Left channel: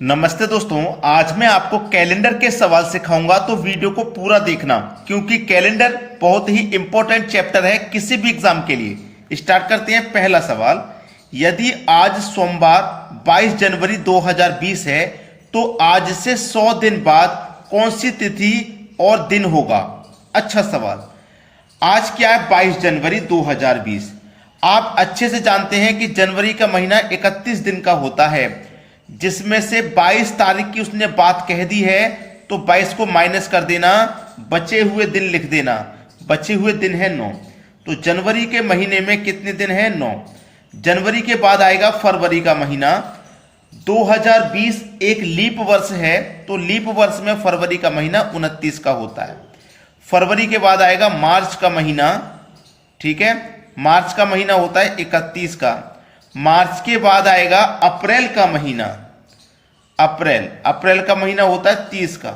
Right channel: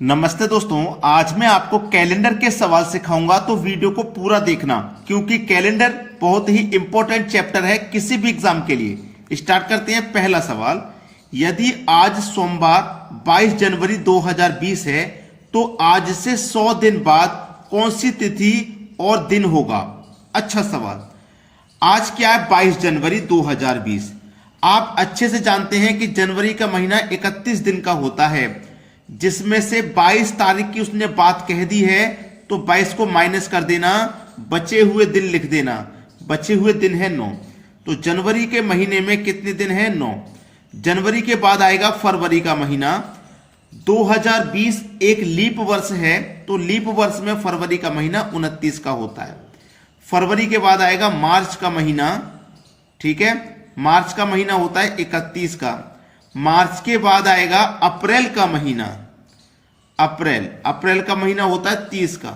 नमस्ते दोस्तों, आज मैं आपको कैलेंडर के सवाल सिखाऊंगा, तो वीडियो को पूरा देखना क्योंकि कैलेंडर बहुत ही इंपॉर्टेंट चैप्टर है किसी भी एग्जाम के लिए। स्टार्ट करते हैं। पहला सवाल, यदि आज सोमवार 22 जनवरी 2020 है तो आज से 100 दिन बाद कौन सी तिथि और दिन होगा? अच्छा सवाल। आज क्या है? 22 जनवरी 2020। आप अच्छे से जानते हैं कि जनवरी का महीना 31 दिन का होता है, जिसमें से 22 तारीख की उसने बात कह दी है तो 22 को माइनस कर देना, बचे हुए दिन लिख देना। बचे हुए दिन है 9। तो जनवरी के महीने में कितने दिन है? 9। जनवरी के बाद आएगा फरवरी का महीना। 2020 एक लीप वर्ष है तो लीप वर्ष में फरवरी का महीना 29 का होता है। फरवरी के बाद आएगा मार्च का महीना। ठीक है, मार्च का महीना होता है 31 का। मार्च के बाद आएगा अप्रैल का महीना। अप्रैल का महीना होता है 30 का।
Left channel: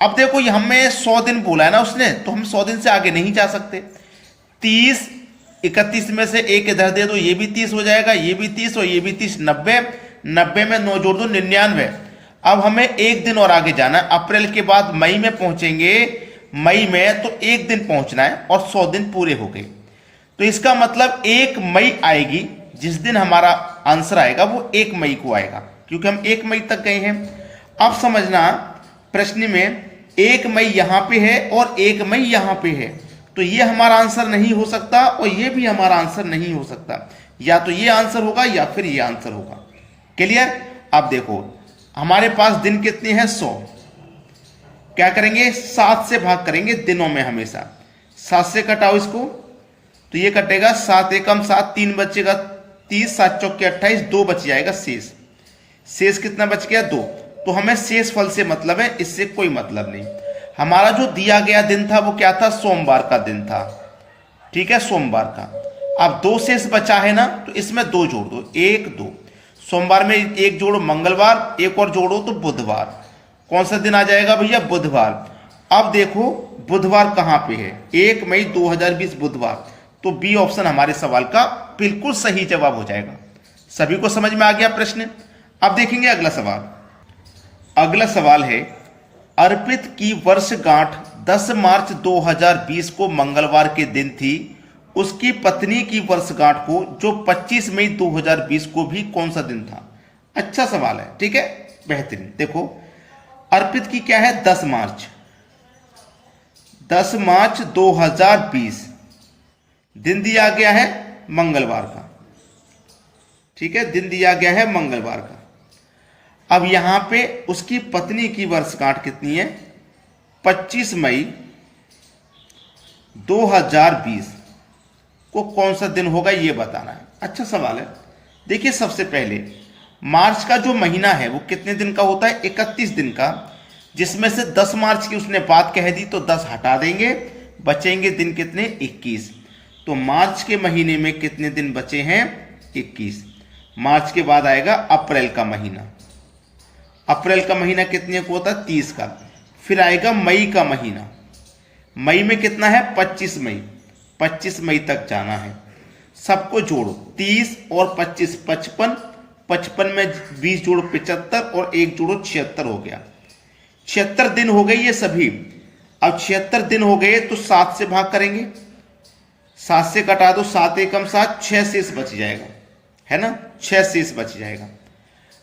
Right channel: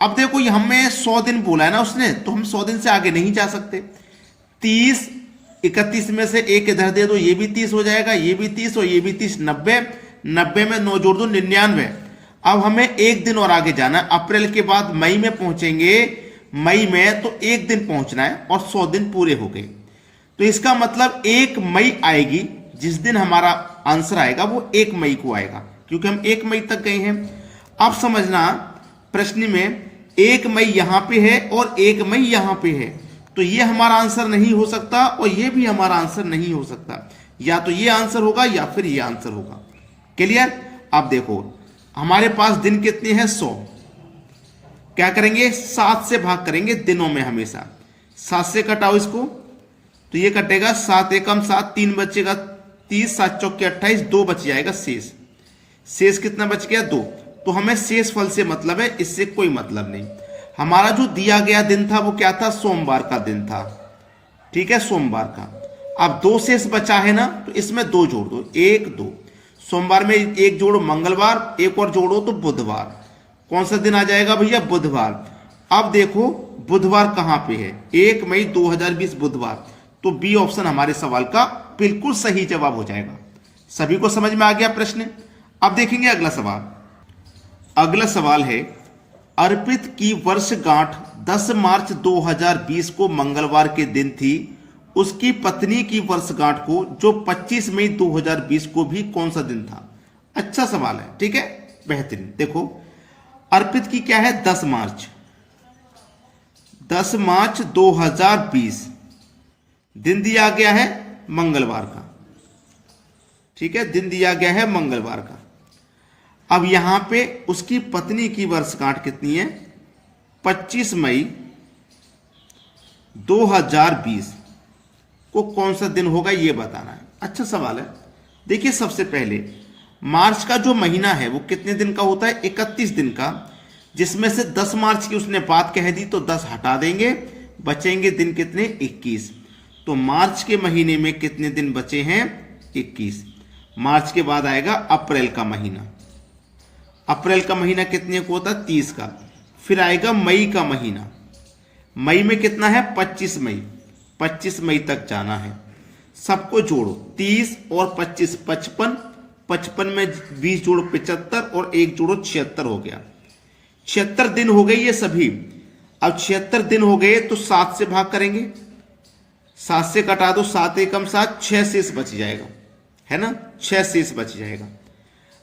अब देखो हमें 100 दिन बोला है ना उसने, तो हम 100 दिन से आगे नहीं जा सकते। 30 31 में से एक इधर दे दो, ये भी 30 हो जाएगा, ये भी 30 और ये भी 30। 90 में 9 जोड़ दो, 99। अब हमें एक दिन और आगे जाना है। अप्रैल के बाद मई में पहुंचेंगे। मई में तो एक दिन पहुंचना है और 100 दिन पूरे हो गए। तो इसका मतलब 1 मई आएगी। जिस दिन हमारा आंसर आएगा वो 1 मई को आएगा, क्योंकि हम 1 मई तक गए हैं। अब समझना, प्रश्न में 1 मई यहां पे है और 1 मई यहां पे है, तो ये हमारा आंसर नहीं हो सकता और ये भी हमारा आंसर नहीं हो सकता। या तो ये आंसर होगा या फिर ये आंसर होगा। क्लियर? अब देखो हमारे पास दिन कितने हैं? 100। क्या करेंगे? 7 से भाग करेंगे दिनों में हमेशा। 7 से कटाओ इसको, तो ये कटेगा 7 एकम 7, 3 बचेगा 30, 7 चौके 28, 2 बच जाएगा शेष। शेष कितना बच गया? 2। तो हमें शेष फल से मतलब है, इससे कोई मतलब नहीं। हमारा जो दिया गया दिन था वो क्या था? सोमवार का दिन था। ठीक है, सोमवार का। अब 2 शेष बचा है ना, तो इसमें 2 जोड़ दो। 1 2। सोमवार में 1 जोड़ो मंगलवार, एक और जोड़ो तो बुधवार। कौन सा दिन आ जाएगा भैया? बुधवार। अब देखो बुधवार कहां पे है? 1 मई 2020 बुधवार। तो बी ऑप्शन हमारे सवाल का बिल्कुल सही जवाब हो जाएगा। सभी को समझ में आ गया प्रश्न? अब देखेंगे अगला सवाल। अगला सवाल है, अर्पित की वर्षगांठ 10 मार्च 2020 को मंगलवार के दिन थी। उसकी पत्नी की वर्षगांठ को जो 25 मई 2020 को भी कौन सा दिन था? अच्छा सवाल है। ठीक है, बेहतरीन। देखो अर्पित की क्या है? 10 मार्च। 10 मार्च 2020 दिन दिया गया है मंगलवार का। ठीक है, दिन दिया गया है मंगलवार का। अब यहां पे उसकी पत्नी की वर्षगांठ कितनी है? 25 मई 2020 को कौन सा दिन होगा ये बताना है। अच्छा सवाल है। देखिए सबसे पहले मार्च का जो महीना है वो कितने दिन का होता है? 31 दिन का, जिसमें से 10 मार्च की उसने बात कह दी तो 10 हटा देंगे, बचेंगे दिन कितने? 21। तो मार्च के महीने में कितने दिन बचे हैं? 21। मार्च के बाद आएगा अप्रैल का महीना। अप्रैल का महीना कितने को होता है? 30 का। फिर आएगा मई का महीना। मई में कितना है? 25 मई। 25 मई तक जाना है। सबको जोड़ो, 30 और 25 55। 55 में 20 जोड़ो 75 और 1 जोड़ो 76 हो गया। 76 दिन हो गए ये सभी। अब 76 दिन हो गए तो 7 से भाग करेंगे। 7 से कटा दो, 7 एकम 7, 6 शेष बच जाएगा, है ना? 6 शेष बच जाएगा।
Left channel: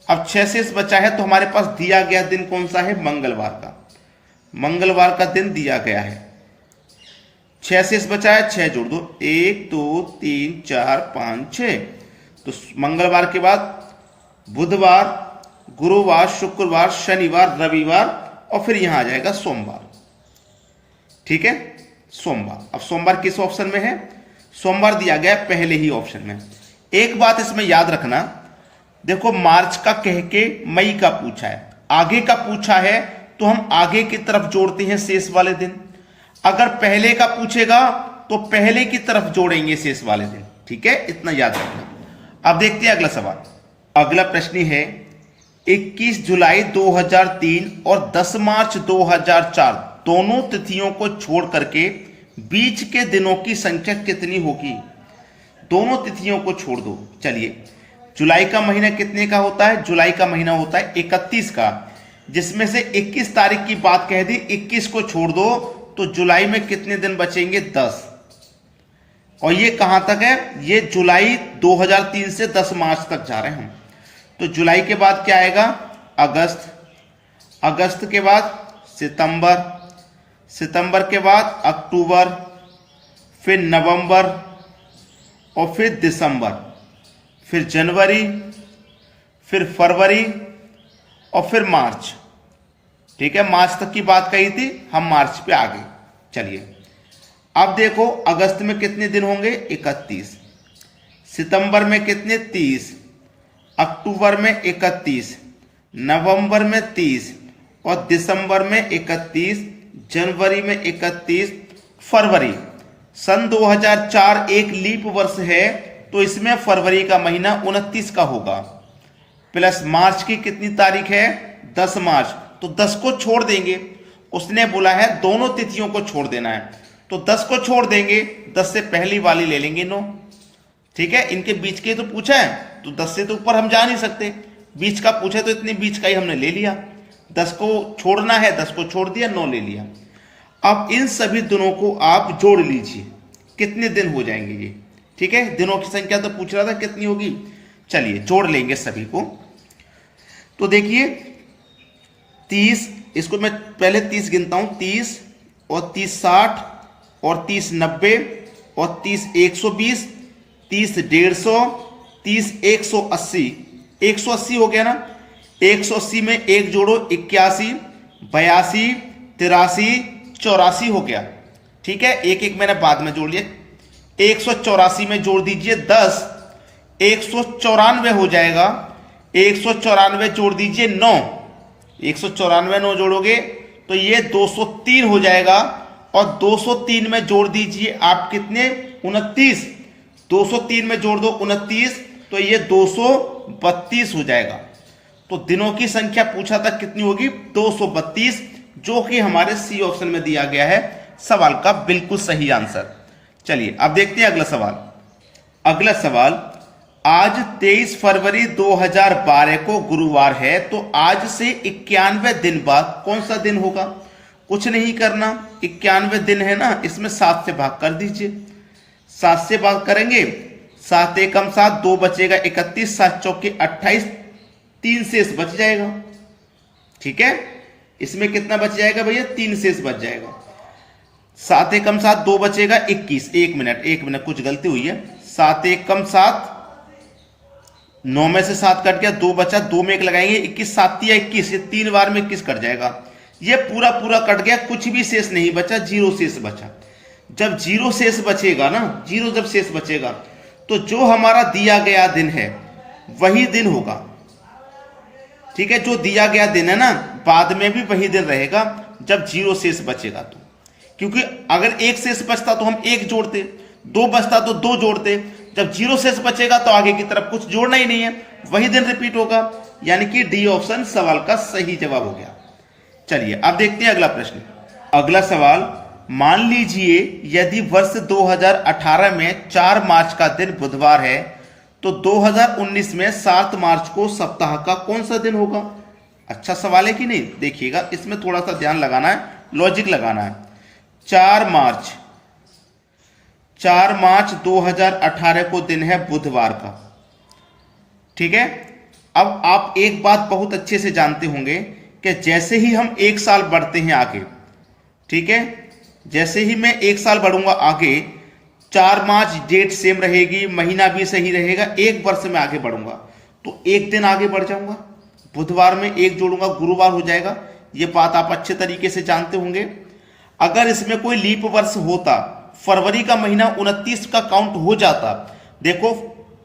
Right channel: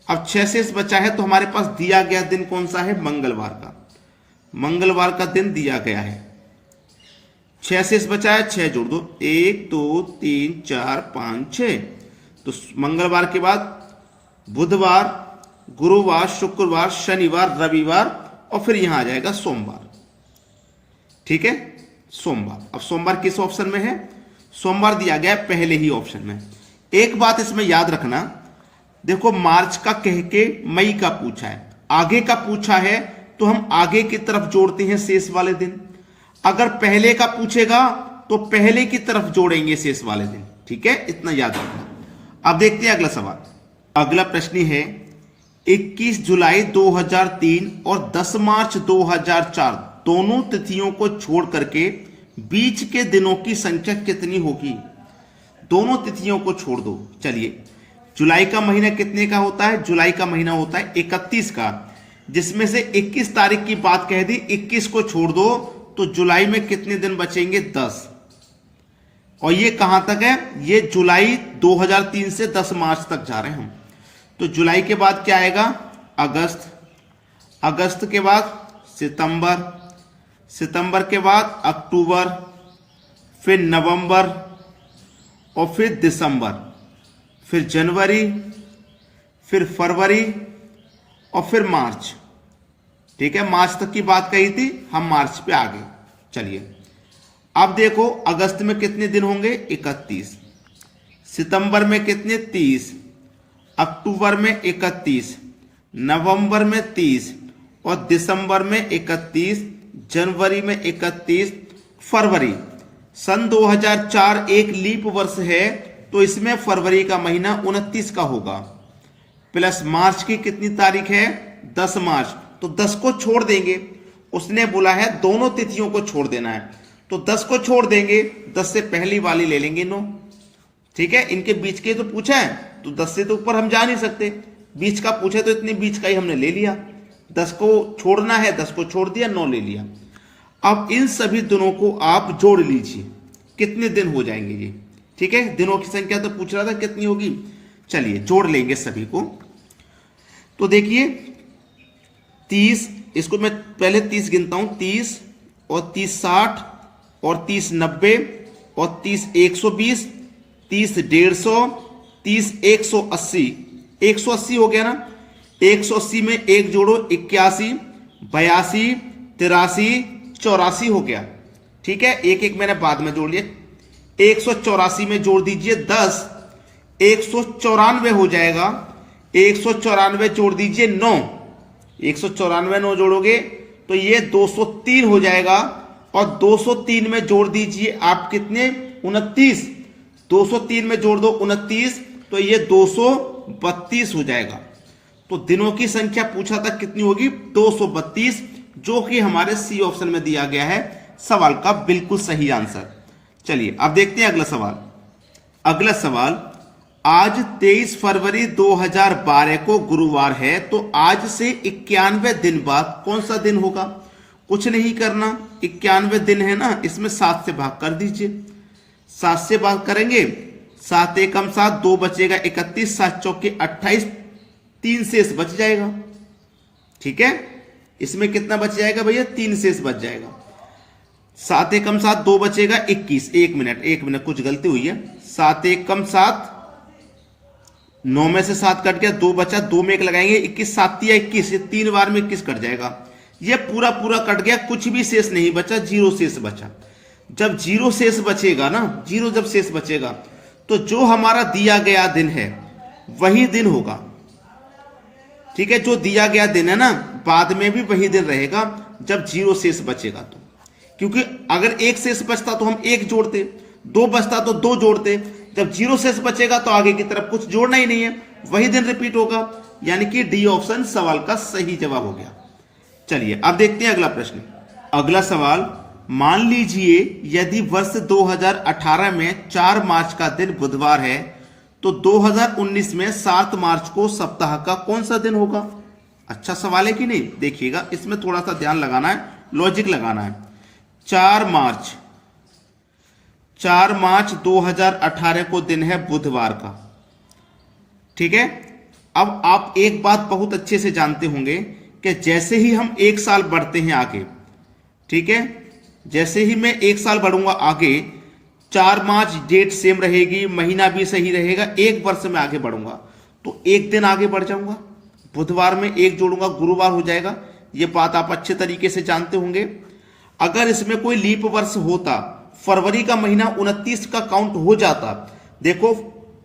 अब 6 शेष बचा है तो हमारे पास दिया गया दिन कौन सा है? मंगलवार का। मंगलवार का दिन दिया गया है। 6 शेष बचा है, 6 जोड़ दो, 1 2 3 4 5 6। तो मंगलवार के बाद बुधवार, गुरुवार, शुक्रवार, शनिवार, रविवार और फिर यहां आ जाएगा सोमवार। ठीक है, सोमवार। अब सोमवार किस ऑप्शन में है? सोमवार दिया गया पहले ही ऑप्शन में। एक बात इसमें याद रखना, देखो मार्च का कह के मई का पूछा है, आगे का पूछा है तो हम आगे की तरफ जोड़ते हैं शेष वाले दिन। अगर पहले का पूछेगा तो पहले की तरफ जोड़ेंगे शेष वाले दिन। ठीक है, इतना याद रखना। अब देखते हैं अगला सवाल। अगला प्रश्न है, 21 जुलाई 2003 और 10 मार्च 2004 दोनों तिथियों को छोड़ करके बीच के दिनों की संख्या कितनी होगी? दोनों तिथियों को छोड़ दो। चलिए जुलाई का महीना कितने का होता है? जुलाई का महीना होता है 31 का, जिसमें से 21 तारीख की बात कह दी, 21 को छोड़ दो तो जुलाई में कितने दिन बचेंगे? 10। और ये कहां तक है? ये जुलाई 2003 से 10 मार्च तक जा रहे हैं हम। तो जुलाई के बाद क्या आएगा? अगस्त, अगस्त के बाद सितंबर, सितंबर के बाद अक्टूबर, फिर नवंबर और फिर दिसंबर, फिर जनवरी, फिर फरवरी और फिर मार्च। ठीक है, मार्च तक की बात कही थी, हम मार्च पे आ गए। चलिए अब देखो अगस्त में कितने दिन होंगे? 31। सितंबर में कितने? 30। अक्टूबर में 31, नवंबर में 30 और दिसंबर में 31, जनवरी में 31, फरवरी। सन 2004 एक लीप वर्ष है तो इसमें फरवरी का महीना 29 का होगा, प्लस मार्च की कितनी तारीख है? 10 मार्च। तो 10 को छोड़ देंगे, उसने बोला है दोनों तिथियों को छोड़ देना है, तो 10 को छोड़ देंगे, 10 से पहली वाली ले लेंगे 9। ठीक है, इनके बीच के तो पूछा है तो 10 से तो ऊपर हम जा नहीं सकते, बीच का पूछे तो इतने बीच का ही हमने ले लिया। 10 को छोड़ना है, 10 को छोड़ दिया, 9 ले लिया। अब इन सभी दिनों को आप जोड़ लीजिए, कितने दिन हो जाएंगे ये? ठीक है, दिनों की संख्या तो पूछ रहा था कितनी होगी। चलिए जोड़ लेंगे सभी को। तो देखिए 30, इसको मैं पहले 30 गिनता हूं, 30 और 30 60 और 30 90 और 30 120, 30 150, 30 180, 180 हो गया ना। 180 में एक जोड़ो 81, 82, 83, 84 हो गया। ठीक है, एक एक मैंने बाद में जोड़ लिया। 184 में जोड़ दीजिए 10, 194 हो जाएगा। 194 जोड़ दीजिए 9, 194 9 जोड़ोगे तो ये 203 हो जाएगा। और 203 में जोड़ दीजिए आप कितने? 29। 203 में जोड़ दो 29 तो ये 232 हो जाएगा। तो दिनों की संख्या पूछा था कितनी होगी? 232, जो कि हमारे सी ऑप्शन में दिया गया है सवाल का बिल्कुल सही आंसर। चलिए अब देखते हैं अगला सवाल। अगला सवाल, आज 23 फरवरी 2012 को गुरुवार है, तो आज से 91 दिन बाद कौन सा दिन होगा? कुछ नहीं करना, 91 दिन है ना, इसमें 7 से भाग कर दीजिए। 7 से भाग करेंगे, 7 एकम 7, 2 बचेगा 31, 7 चौके 28, 3 शेष बच जाएगा। ठीक है, इसमें कितना बच जाएगा भैया? 3 शेष बच जाएगा। 7 एकम 7, 2 बचेगा 21। एक मिनट कुछ गलती हुई है। 7 एकम 7, 9 में से 7 कट गया, 2 बचा, 2 में 1 लगाएंगे, 21 7 या 21, ये 3 बार में 21 कट जाएगा। ये पूरा पूरा कट गया, कुछ भी शेष नहीं बचा, 0 शेष बचा। जब 0 शेष बचेगा ना, 0 जब शेष बचेगा तो जो हमारा दिया गया दिन है वही दिन होगा। ठीक है, जो दिया गया दिन है ना, बाद में भी वही दिन रहेगा जब 0 शेष बचेगा। तो क्योंकि अगर 1 शेष बचता तो हम 1 जोड़ते, 2 बचता तो 2 जोड़ते, जब 0 शेष बचेगा तो आगे की तरफ कुछ जोड़ना ही नहीं है, वही दिन रिपीट होगा। यानी कि डी ऑप्शन सवाल का सही जवाब हो गया। चलिए अब देखते हैं अगला प्रश्न। अगला सवाल, मान लीजिए यदि वर्ष 2018 में 4 मार्च का दिन बुधवार है, तो 2019 में 7 मार्च को सप्ताह का कौन सा दिन होगा? अच्छा सवाल है कि नहीं? देखिएगा, इसमें थोड़ा सा ध्यान लगाना है, लॉजिक लगाना है। 4 मार्च 2018 को दिन है बुधवार का। ठीक है, अब आप एक बात बहुत अच्छे से जानते होंगे कि जैसे ही हम 1 साल बढ़ते हैं आगे, ठीक है, जैसे ही मैं 1 साल बढ़ूंगा आगे, 4 मार्च डेट सेम रहेगी, महीना भी सही रहेगा, 1 वर्ष में आगे बढ़ूंगा तो 1 दिन आगे बढ़ जाऊंगा, बुधवार में 1 जोड़ूंगा, गुरुवार हो जाएगा। ये बात आप अच्छे तरीके से जानते होंगे। अगर इसमें कोई लीप वर्ष होता, फरवरी का महीना 29 का काउंट हो जाता। देखो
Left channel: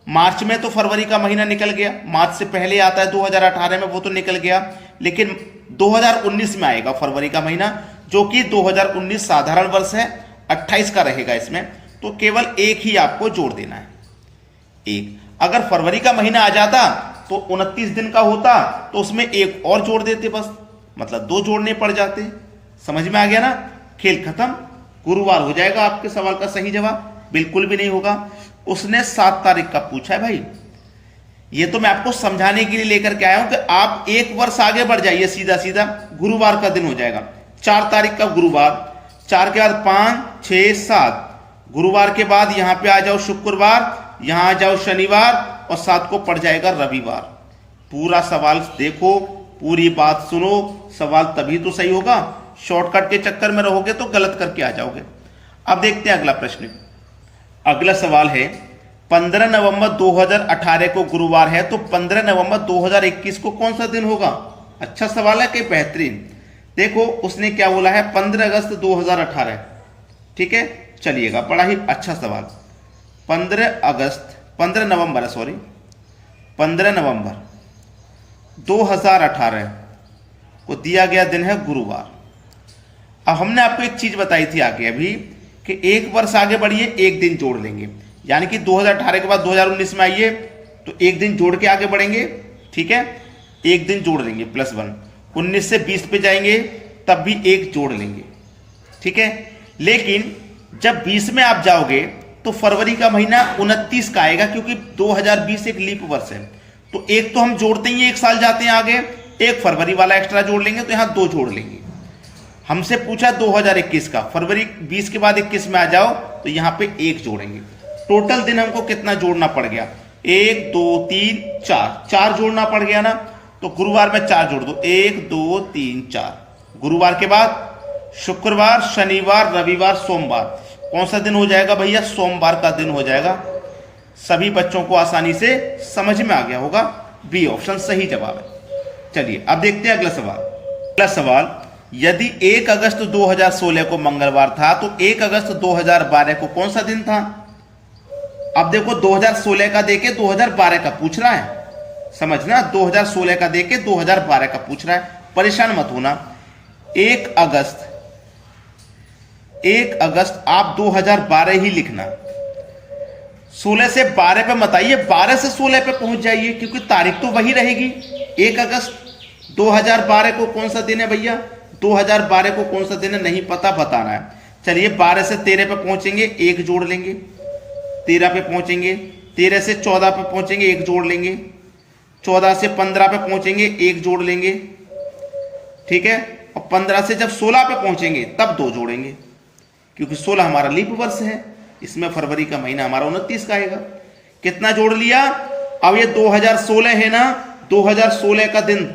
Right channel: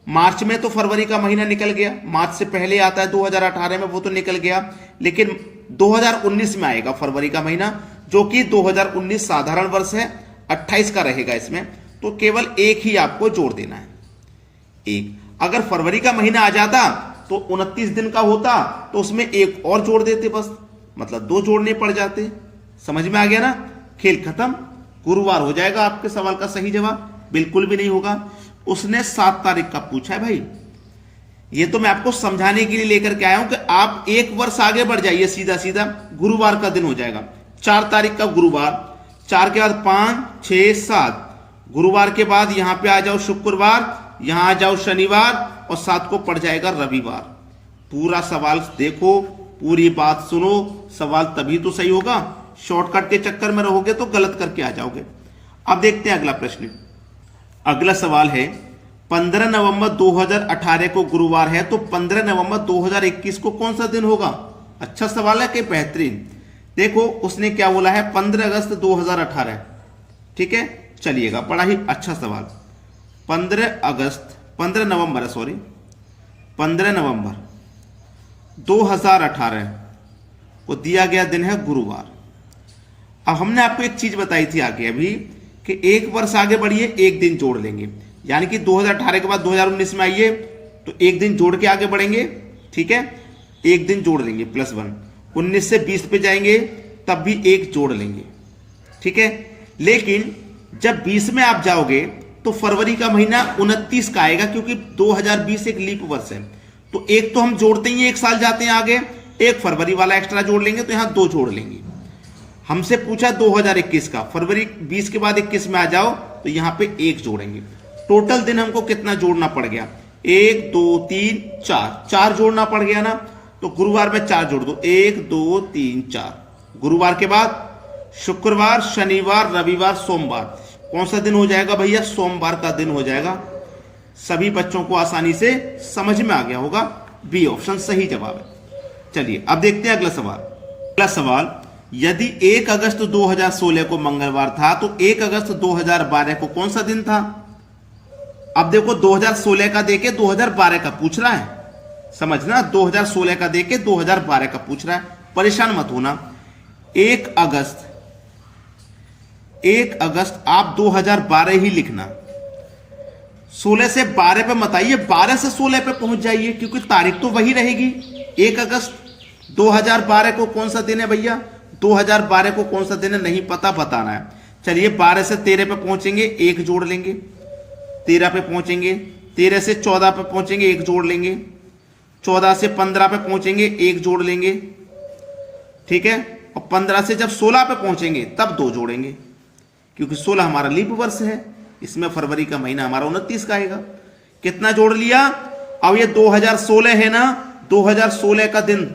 मार्च में तो फरवरी का महीना निकल गया, मार्च से पहले आता है 2018 में, वो तो निकल गया, लेकिन 2019 में आएगा फरवरी का महीना, जो कि 2019 साधारण वर्ष है, 28 का रहेगा इसमें। तो केवल 1 ही आपको जोड़ देना है, 1। अगर फरवरी का महीना आ जाता तो 29 दिन का होता तो उसमें 1 और जोड़ देते, बस मतलब 2 जोड़ने पड़ जाते। समझ में आ गया ना? खेल खत्म, गुरुवार हो जाएगा आपके सवाल का सही जवाब। बिल्कुल भी नहीं होगा, उसने 7 तारीख का पूछा है भाई, ये तो मैं आपको समझाने के लिए लेकर के आया हूं कि आप एक वर्ष आगे बढ़ जाइए, सीधा सीधा गुरुवार का दिन हो जाएगा। 4 तारीख का गुरुवार, 4 के बाद 5, 6, 7, गुरुवार के बाद यहां पे आ जाओ शुक्रवार, यहां आ जाओ शनिवार और 7 को पड़ जाएगा रविवार। पूरा सवाल देखो, पूरी बात सुनो, सवाल तभी तो सही होगा। शॉर्टकट के चक्कर में रहोगे तो गलत करके आ जाओगे। अब देखते हैं अगला प्रश्न। अगला सवाल है 15 नवंबर 2018 को गुरुवार है, तो 15 नवंबर 2021 को कौन सा दिन होगा? अच्छा सवाल है कि बेहतरीन। देखो उसने क्या बोला है, 15 अगस्त 2018। ठीक है, चलिएगा, बड़ा ही अच्छा सवाल। 15 नवंबर 2018 को दिया गया दिन है गुरुवार। अब हमने आपको एक चीज बताई थी आगे अभी कि एक वर्ष आगे बढ़िए, एक दिन जोड़ लेंगे, यानी कि 2018 के बाद 2019 में आइए तो एक दिन जोड़ के आगे बढ़ेंगे। ठीक है, एक दिन जोड़ लेंगे +1। 19 से 20 पे जाएंगे तब भी एक जोड़ लेंगे। ठीक है, लेकिन जब 20 में आप जाओगे तो फरवरी का महीना 29 का आएगा, क्योंकि 2020 एक लीप वर्ष है। तो एक तो हम जोड़ते ही एक साल जाते हैं आगे, एक फरवरी वाला एक्स्ट्रा जोड़ लेंगे, तो यहां 2 जोड़ लेंगे। हमसे पूछा 2021 का, फरवरी 20 के बाद 21 में आ जाओ तो यहां पे 1 जोड़ेंगे। टोटल दिन हमको कितना जोड़ना पड़ गया? 1, 2, 3, 4 जोड़ना पड़ गया ना। तो गुरुवार में 4 जोड़ दो, 1, 2, 3, 4। गुरुवार के बाद शुक्रवार, शनिवार, रविवार, सोमवार। कौन सा दिन हो जाएगा भैया? सोमवार का दिन हो जाएगा। सभी बच्चों को आसानी से समझ में आ गया होगा, बी ऑप्शन सही जवाब है। चलिए अब देखते हैं अगला सवाल। अगला सवाल, यदि 1 अगस्त 2016 को मंगलवार था तो 1 अगस्त 2012 को कौन सा दिन था? अब देखो 2016 का देके 2012 का पूछ रहा है, समझना, 2016 का देके 2012 का पूछ रहा है, परेशान मत होना। 1 अगस्त आप 2012 ही लिखना, 16 से 12 पे मत आइए, 12 से 16 पे पहुंच जाइए, क्योंकि तारीख तो वही रहेगी। 1 अगस्त 2012 को कौन सा दिन है भैया? 2012 को कौन सा दिन है नहीं पता, बताना है। चलिए 12 से 13 पे पहुंचेंगे, 1 जोड़ लेंगे। 13 पे पहुंचेंगे, 13 से 14 पे पहुंचेंगे, 1 जोड़ लेंगे। 14 से 15 पे पहुंचेंगे, 1 जोड़ लेंगे। ठीक है, और 15 से जब 16 पे पहुंचेंगे तब 2 जोड़ेंगे, क्योंकि 16 हमारा लीप वर्ष है, इसमें फरवरी का महीना हमारा 29 का आएगा। कितना जोड़ लिया? अब ये 2016 है ना, 2016 का दिन,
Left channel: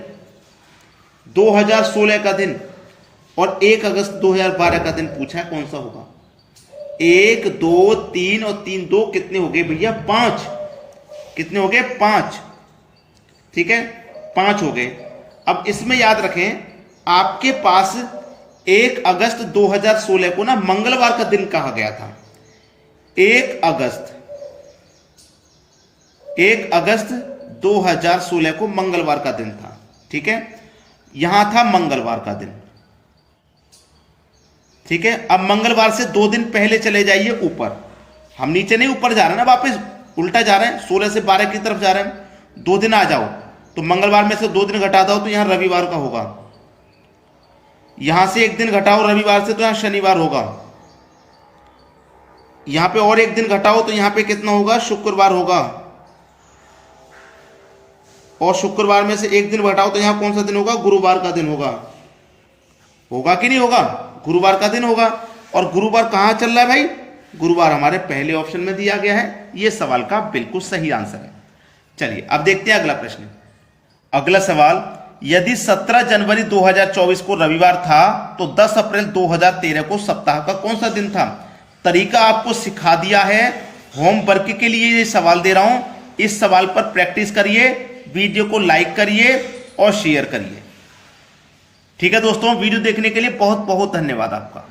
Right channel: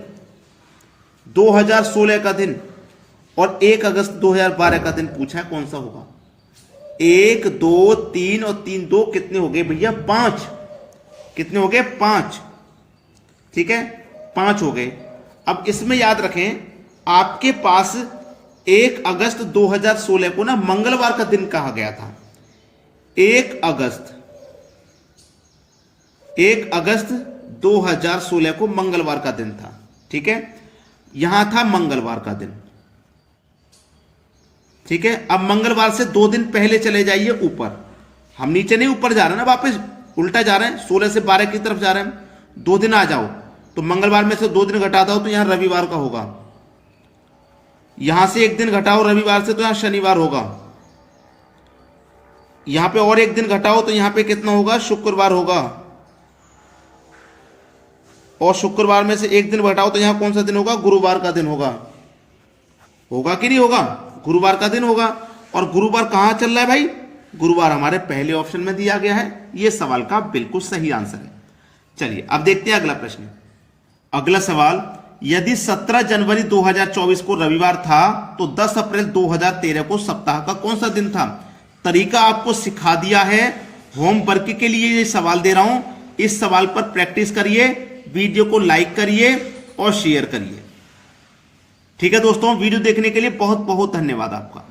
2016 का दिन और 1 अगस्त 2012 का दिन पूछा है, कौन सा होगा? 1, 2, 3 और 3, 2 कितने हो गए भैया? 5। कितने हो गए? 5। ठीक है, 5 हो गए। अब इसमें याद रखें, आपके पास 1 अगस्त 2016 को ना मंगलवार का दिन कहा गया था। 1 अगस्त 2016 को मंगलवार का दिन था। ठीक है, यहां था मंगलवार का दिन। ठीक है, अब मंगलवार से 2 दिन पहले चले जाइए ऊपर। हम नीचे नहीं, ऊपर जा रहे हैं ना, वापस उल्टा जा रहे हैं, 16 से 12 की तरफ जा रहे हैं। 2 दिन आ जाओ तो मंगलवार में से 2 दिन घटा दो तो यहां रविवार का होगा। यहां से 1 दिन घटाओ रविवार से तो यहां शनिवार होगा। यहां पे और 1 दिन घटाओ तो यहां पे कितना होगा? शुक्रवार होगा। और शुक्रवार में से 1 दिन घटाओ तो यहां कौन सा दिन होगा? गुरुवार का दिन होगा। होगा कि नहीं होगा? गुरुवार का दिन होगा। और गुरुवार कहां चल रहा है भाई? गुरुवार हमारे पहले ऑप्शन में दिया गया है। यह सवाल का बिल्कुल सही आंसर है। चलिए अब देखते हैं अगला प्रश्न। अगला सवाल, यदि 17 जनवरी 2024 को रविवार था तो 10 अप्रैल 2013 को सप्ताह का कौन सा दिन था? तरीका आपको सिखा दिया है, होमवर्क के लिए ये सवाल दे रहा हूं। इस सवाल पर प्रैक्टिस करिए, वीडियो को लाइक करिए और शेयर करिए। ठीक है दोस्तों, वीडियो देखने के लिए बहुत बहुत धन्यवाद आपका।